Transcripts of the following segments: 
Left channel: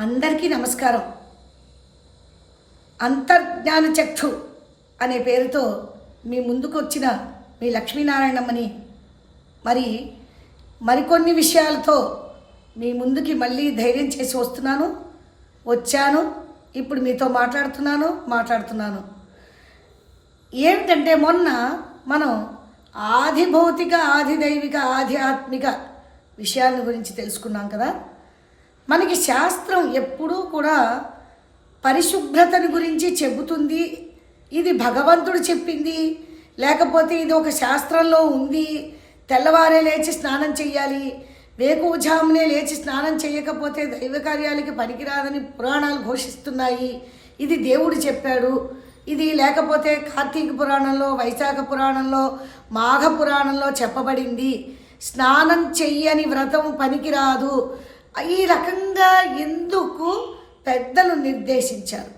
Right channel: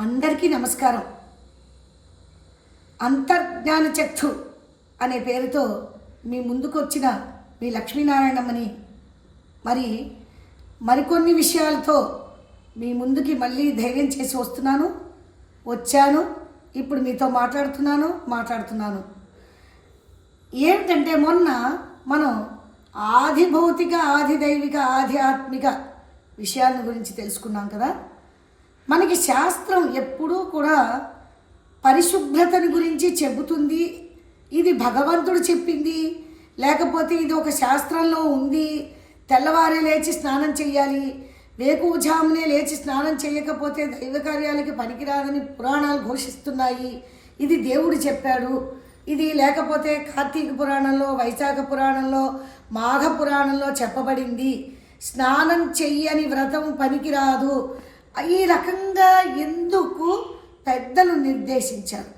అందరికీ నమస్కారం. అంతర్జ్ఞాన చక్షు అనే పేరుతో మీ ముందుకు వచ్చిన మీ లక్ష్మీనారాయణమ్మని మరికొన్ని విషయాలతో మీ ముందుకి మళ్ళీ ధైర్యం చేసి వచ్చాను. ఇప్పుడు మీతో మాట్లాడుతున్నాను. ఏమిటంటే మొన్న మనం ఆది భౌతిక, ఆది దైవిక, ఆధ్యాత్మిక విషయాల గురించి తెలుసుకున్నాం కదా. మనకి శాస్త్రం ఎప్పుడూ కూడా పరిశుభ్రతని గురించి చెబుతుంది. ఇది భగవంతుడు చెప్పింది, లేకపోతే ఇది ఒక శాస్త్రంలో ఉంది. తెల్లవారే లేచి స్నానం చెయ్యాలి, వేకువజామునే లేచి స్నానం చేయకపోతే దైవ కార్యాలకి పనికిరాదని పురాణాలు ఘోషిస్తున్నాయి. ఇది దేవుడు చెప్పాడు. ఇది లేకపోతే కార్తీక పురాణంలో, వైశాఖ పురాణంలో, మాఘ పురాణంలో చెప్పబడింది. స్నానం చెయ్యని వ్రతం పనికిరాదు. ఈ రకంగా ఎందుకు పెద్దలు నిర్దేశించారు?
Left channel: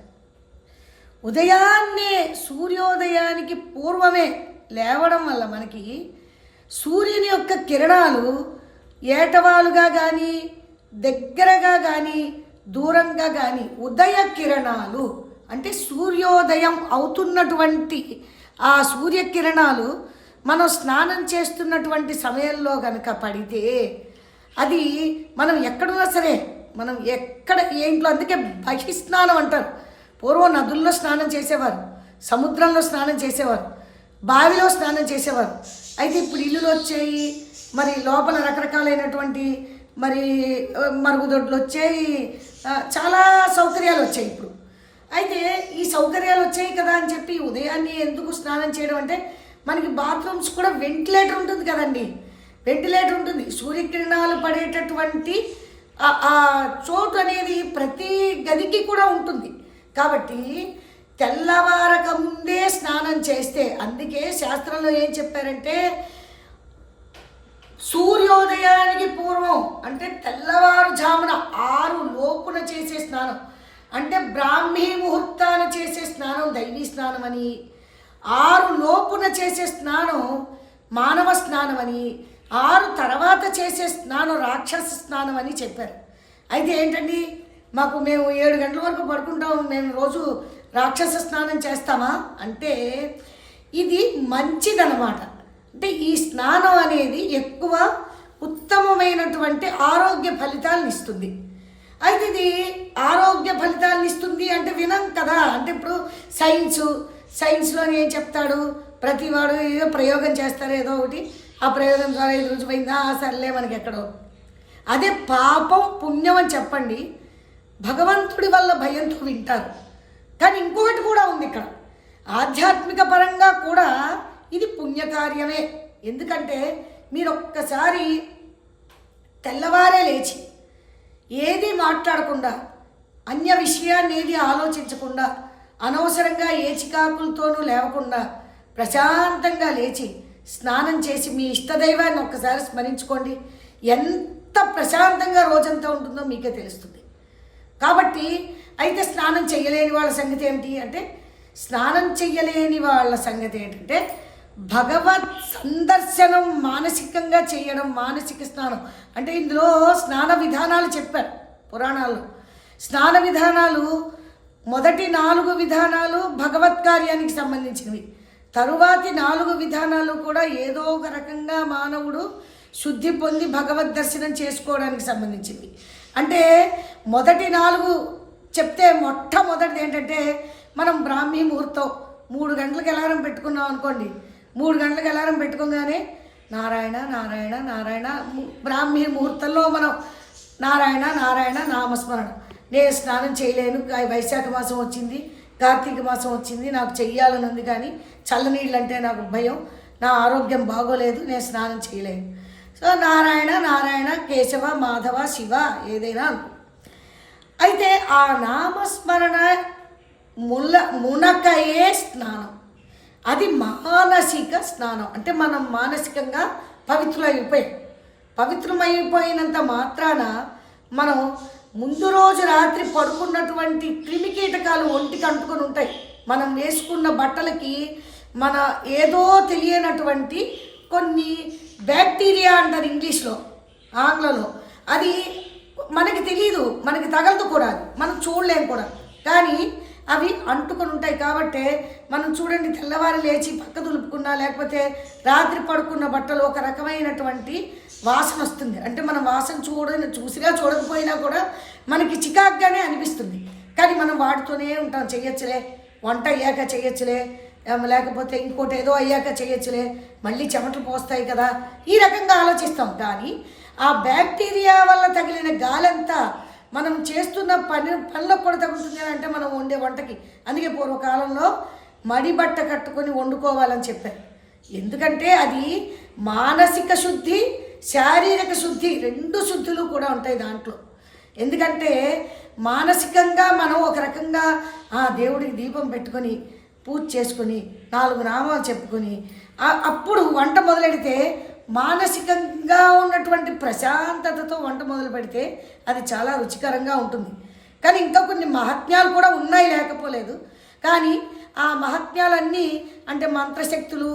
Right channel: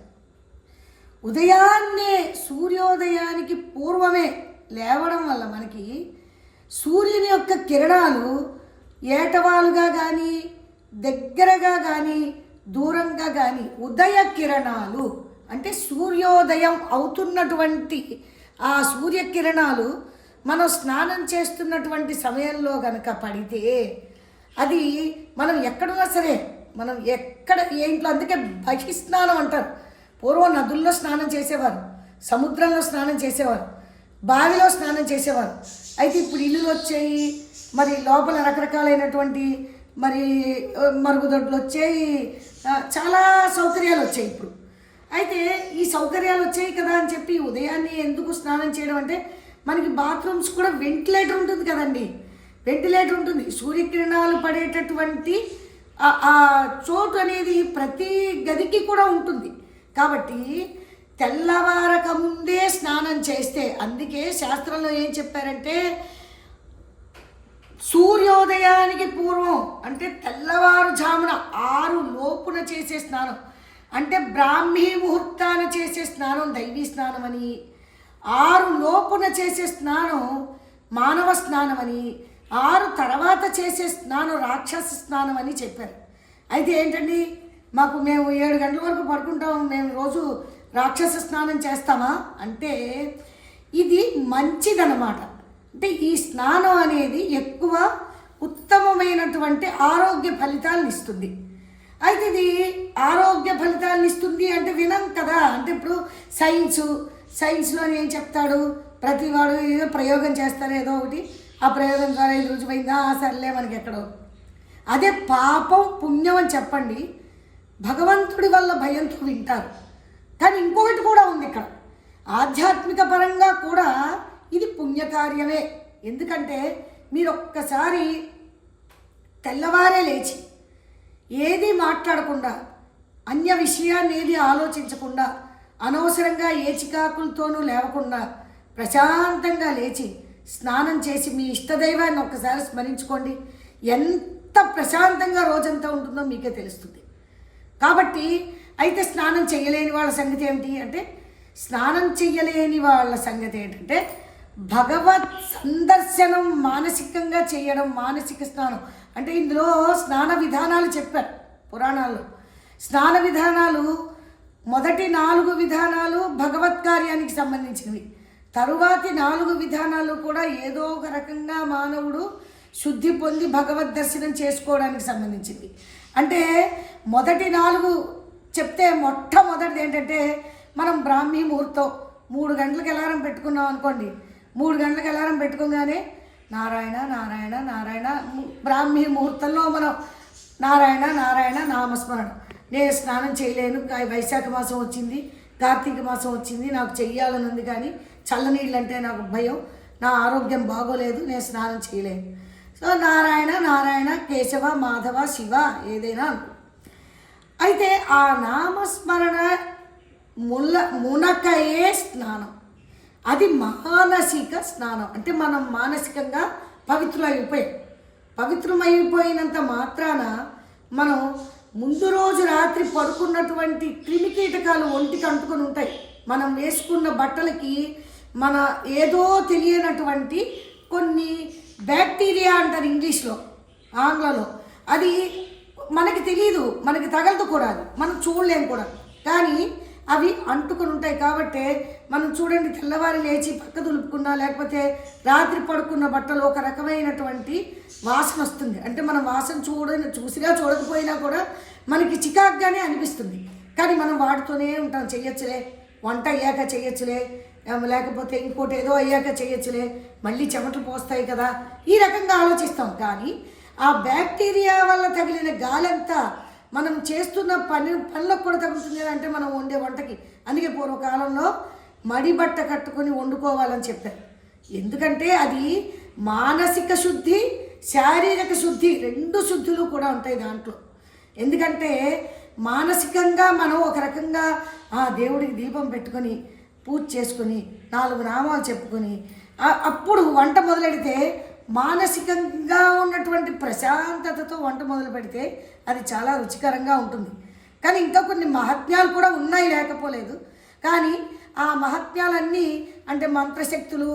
ఉదయాన్నే సూర్యోదయానికి పూర్వమే లేవడం వల్ల మనకి సూర్యుని యొక్క కిరణాలు ఏటవాలుగా కానీ, దగ్గరగా కానీ, దూరంగా కానీ ఉదయ కిరణాలు అంటే సూర్యోదయం అవుతున్నటువంటి ఆ సూర్యకిరణాలు మనం స్నానం చేస్తున్నటువంటి సమయంలో కనుక పడితే అది మనం ఎక్కడున్నా సరే, మనం ఏ ఇంట్లో, అందుకే బహిస్నానం అంటారు. పూర్వం నదుల్లో స్నానం చేసేవారు, సముద్రంలో స్నానం చేసేవారు, బావిలో స్నానం చేసేవారు. అయితే ఇప్పుడు ఇల్లులు వచ్చాయి, మరి లోపల రకరకాలైనటువంటి మరుగుదొడ్లు వచ్చాయి, చాలా సౌకర్యాలు వచ్చాయి ఇప్పుడు. అయితే ఈ సౌకర్యాలు వచ్చాయి కదా అని చెప్పి ఉదయాన్నే ఎందుకు స్నానం చేయడం అంటే, మనకి బాత్రూమ్స్ కూడా వెంటిలేటర్ ఉంటుంది కదండి. వెంటిలేటర్ ఉంటుంది. సూర్యకిరణాలు పడేటటువంటి ఆ చోటు అనేది ప్రతి గదికి కూడా ఉంటుంది. కాబట్టి తెల్లవారక ముందే స్నానం చేస్తే, అందుకే శాస్త్రంలో ఏం చెప్పారంటే సూర్యోదయానికి పూర్వం అంటే తెల్లవారుజామున 6 లోపున చేసే స్నానం అంటే బ్రాహ్మీ ముహూర్తాన చేసే స్నానం దైవీ స్నానం అని, 6 లోపున చేసే స్నానం మానవ స్నానం అని, 6 తర్వాత చేసే స్నానం రాక్షస స్నానం అని చెప్పారు. అయితే ఏంటండి, మేము 7 గంటల వరకు పడుకుంటాము, మేము రోజు రాక్షస స్నానం చేస్తామా అంటే ఇది మంచిదన్నమాట. అంటే ఈ స్నానం అనేది ఎక్కువ ఉత్తమమైనటువంటి ఆరోగ్య ఫలితాలను ఇస్తుంది. అయితే ఇది ఆరోగ్య ఫలితాలను ఇస్తుంది అంటే వినం కదా. అంటే ఇప్పుడు సైన్స్లోని ఏం చెప్తాడు, ప్రతివాడు ఏదో ప్రయోగం చేస్తారు, ఏదో ఒకటి, ఆ ప్రయోగం ద్వారా ఇది రుజువైందా, సర్లే మనకి ఎక్కడో. అదే పాపం పుణ్యం అని చెప్పండి, భగవంతుడి వల్ల భయంతో వింటారు. కానీ ఇంకొకటి కూడా ఉంది ఇక్కడ, ఆధ్యాత్మిక పరంగా కూడా ఇది పుణ్యకార్యమే. ఎందుకంటే మీరు ఒక్కసారి తెల్లవారే లేచి ఏది మాట్లాడకుండా, అన్య విషయాన్ని ఏది ఆలోచించకుండా, అనవసరంగా ఏ చికాకులతోనూ లేవకుండా ప్రశాంతంగా లేచి స్నానం చేసి మీ ఇష్టదైవాన్ని ఒక్కసారి స్మరించుకోండి. ఎంత ప్రశాంతంగా రోజంతా ఉంటుందో మీకే తెలుస్తుంది. కాబట్టి అయితే స్నానం చేయలేని వాళ్ళ సంగతి ఏమిటి అంటే, స్నానం చెయ్యలేని వాళ్ళ సంగతి ఏంటంటే భగవత్ సందర్శనం మానసికంగా చేయడం, మానసిక స్నానం. అంటే ఇందులో స్నాన విధానాలు చెప్పారు పురాణాల్లో. స్నాన విధానాలు మొదటి 4 విధానాలు భగవత్ కార్యానికి సంబంధించినవి. తరువాతి 4 విధానాలు కూడా ఏదో ఒక రకంగా మానవుడు శుద్ధి పొంది భగవద్ దర్శనం చేసుకోవడానికి సంబంధించింది. అంటే మొదటి 4 చెప్తే మొట్టమొదటిది ఏంటంటే, మనం బ్రాహ్మీ ముహూర్తం 3 గంటలకు అలారం పెట్టుకున్నాం అనుకోండి. 3 గంటలకు అలారం పెట్టుకోగానే నారాయణ నారాయణ నారాయణ, బ్రాహ్మీ ముహూర్తంలో మనం నారాయణ నారాయణ నామస్మరణ. నేను స్నానం చేయలేను, వైశాఖ మాసం వచ్చింది, కార్తీక మాసం వచ్చింది, నాకు చెయ్యాలని ఉంది, కానీ చల్లనీళ్ళు అంటే నాకు భయం, నా ఆరోగ్యం బాగోలేదు, నేను స్నానం చేయలేను. సో నారాయణ నారాయణ కేశవ మాధవ శివ ఏదైనా అనుకో. అయితే ఆ నామస్మరణ మునకయే స్నానం, అది మానసిక స్నానం. అంటే మనం మానసికంగా పవిత్రమైపోయినంత మాత్రాన మనం ముందు రోజు రాత్రి పడుకున్నటువంటి క్రిమికీటకాలు ఒంటికి అంటుకొని ఉంటాయి. మనం వేసుకున్న బట్టలకి మన ఏదో తెలియనటువంటి కొన్ని బ్యాక్టీరియా అంటారు ఇంగ్లీష్లో, ఆంగ్లంలో, అది మనకి తెలియదు, మనకి తగలదు కూడా, అది మనం చూడలేము కూడా. కానీ అవి అంటుకొని ఉంటాయి కాబట్టి మనం చూడండి, తెల్లవారి లేచి పక్క దులుపుకున్నా లేకపోతే రాత్రి పడుకున్న బట్టలు ఒక రకమైనటువంటి వాసన వస్తుంది. అంటే మనం వాసన చూసినా చూడకపోయినా కూడా మనకి చికాగ్గానే అనిపిస్తుంది. కానీ మనం వాడుతూనే ఉంటాం, చెయ్యొచ్చులే, వంట అయ్యాక చెయ్యొచ్చులే, లేకపోతే ఇంకోటి ఏదో అయ్యాక చెయ్యొచ్చులే, మళ్ళీ చెమటలు పోస్తాయి కదా, ఈ రకంగా ఆలోచిస్తాం. కానీ ఆ బ్యాక్టీరియా వల్ల తగిలిన గాలంతా మనం చేస్తున్న పనులకు కూడా తగ్గుతుంది అంటే మనం వండే వంటకి. అందుకే పూర్వకాలంలో మడి బట్ట కట్టుకొని వండుకోవాలని చెప్పారు. ఎందుకంటే అది మానసిక శుద్ధి, శారీరక శుద్ధి, రెండు శుద్ధులు కూడా ఉంటాయి దాంట్లో. ఎందుకంటే మానసికంగా మనం ఒక రకంగా దేవుడికి దీపం పెట్టుకొని పూజ చేసుకొని 4 నామాలు చెప్పుకొని అప్పుడు వంట మొదలెడితే మానసికంగా ఉన్నటువంటి ప్రశాంతతతో వంట మొదలు పెడితే అది చాలా రుచికరంగా ఉంటుంది. కానీ ఇంకా కొన్ని మహాత్మ్యాలు కూడా ఉన్నాయి, లేకపోలేదు. కానీ ఆ మహాత్మ్యాలన్నీ అంటే మంత్రశక్తులు,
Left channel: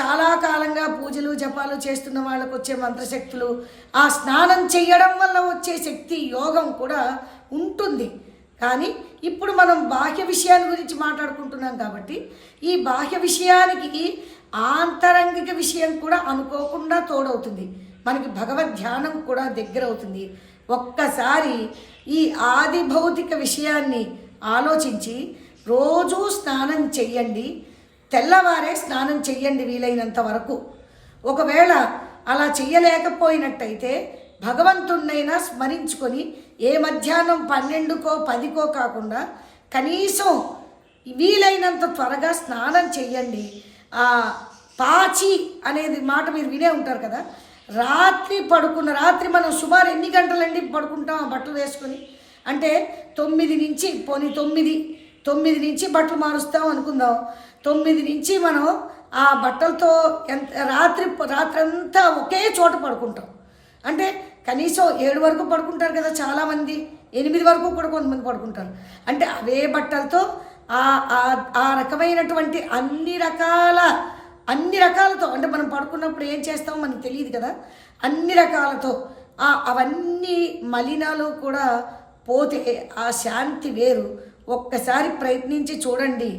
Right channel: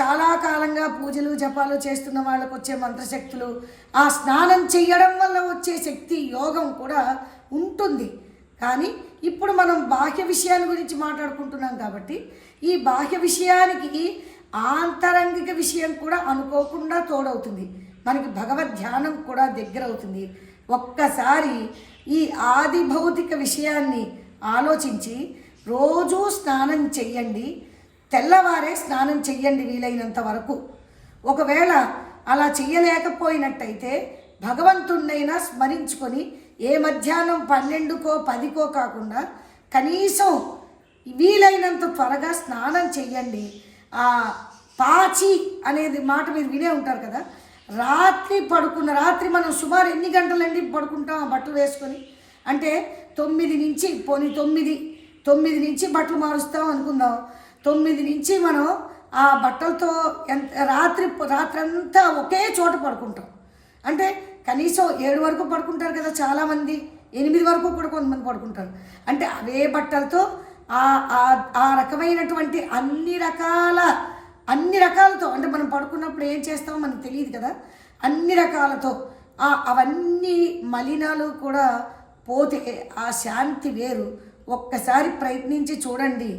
చాలా కాలంగా పూజలు జపాలు చేస్తున్న వాళ్ళకు వచ్చే మంత్రశక్తులు, ఆ స్నానం చేయడం వల్ల వచ్చే శక్తి యోగం కూడా ఉంటుంది. కానీ ఇప్పుడు మనం బాహ్య విషయాల గురించి మాట్లాడుకుంటున్నాం కాబట్టి ఈ బాహ్య విషయానికి ఆంతరంగిక విషయం కూడా అనుకోకుండా తోడవుతుంది. మనకి భగవద్ ధ్యానం కూడా దగ్గర అవుతుంది. ఒక్కసారి ఈ ఆది భౌతిక విషయాన్ని ఆలోచించి రోజూ స్నానం చెయ్యండి, తెల్లవారే స్నానం చెయ్యండి వీలైనంత వరకు. ఒకవేళ అలా చెయ్యలేకపోయినట్టయితే భగవంతుణ్ణైనా స్మరించుకొని ఏ మధ్యాహ్నం 12కో 10కో కాకుండా కనీసం వీలైనంత త్వరగా స్నానం చెయ్యండి. పాచి అనేది మాట మీరు వినే ఉంటారు కదా. రాత్రి మనం సుమారు ఎన్ని గంటలండి పడుకుంటాం ఆ బట్టలు వేసుకొని? అంటే 9 నుంచి 9 నుంచి బట్టలు మారుస్తాం అనుకుందాం. 9 నుంచి మనం ఆ బట్టలతో రాత్రంతా ఒకే చోట పడుకుంటాం. అంటే కనీసం 7 వరకు పడుకుంటారు కదా చాలామంది, 8 వరకు కూడా కొంతమంది పడుకుంటారు. అంటే అవే బట్టలతో ఆ రకమైనటువంటి అన్ని రకాలతో అంటే మనం పడుకున్నప్పుడు ఏం చేస్తామో మనకు తెలియదు కదా, అన్ని రకాలతో అవన్నీ మలినాలు కూడా పోతే ఆ శాంతి వేరు. ఒక్కసారి ప్రయత్నించి చూడండి.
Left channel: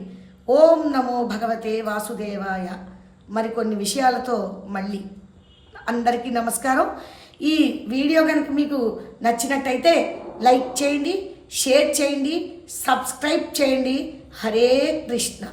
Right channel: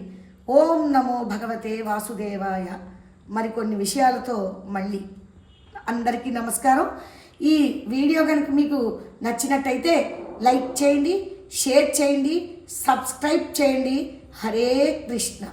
ఓం నమో భగవతే వాసుదేవాయ. మరికొన్ని విషయాలతో మళ్ళీ అందరికీ నమస్కారం. ఈ వీడియో కనుక మీకు నచ్చినట్టయితే లైక్ చేయండి, షేర్ చేయండి, సబ్స్క్రైబ్ చేయండి. హరే కృష్ణ.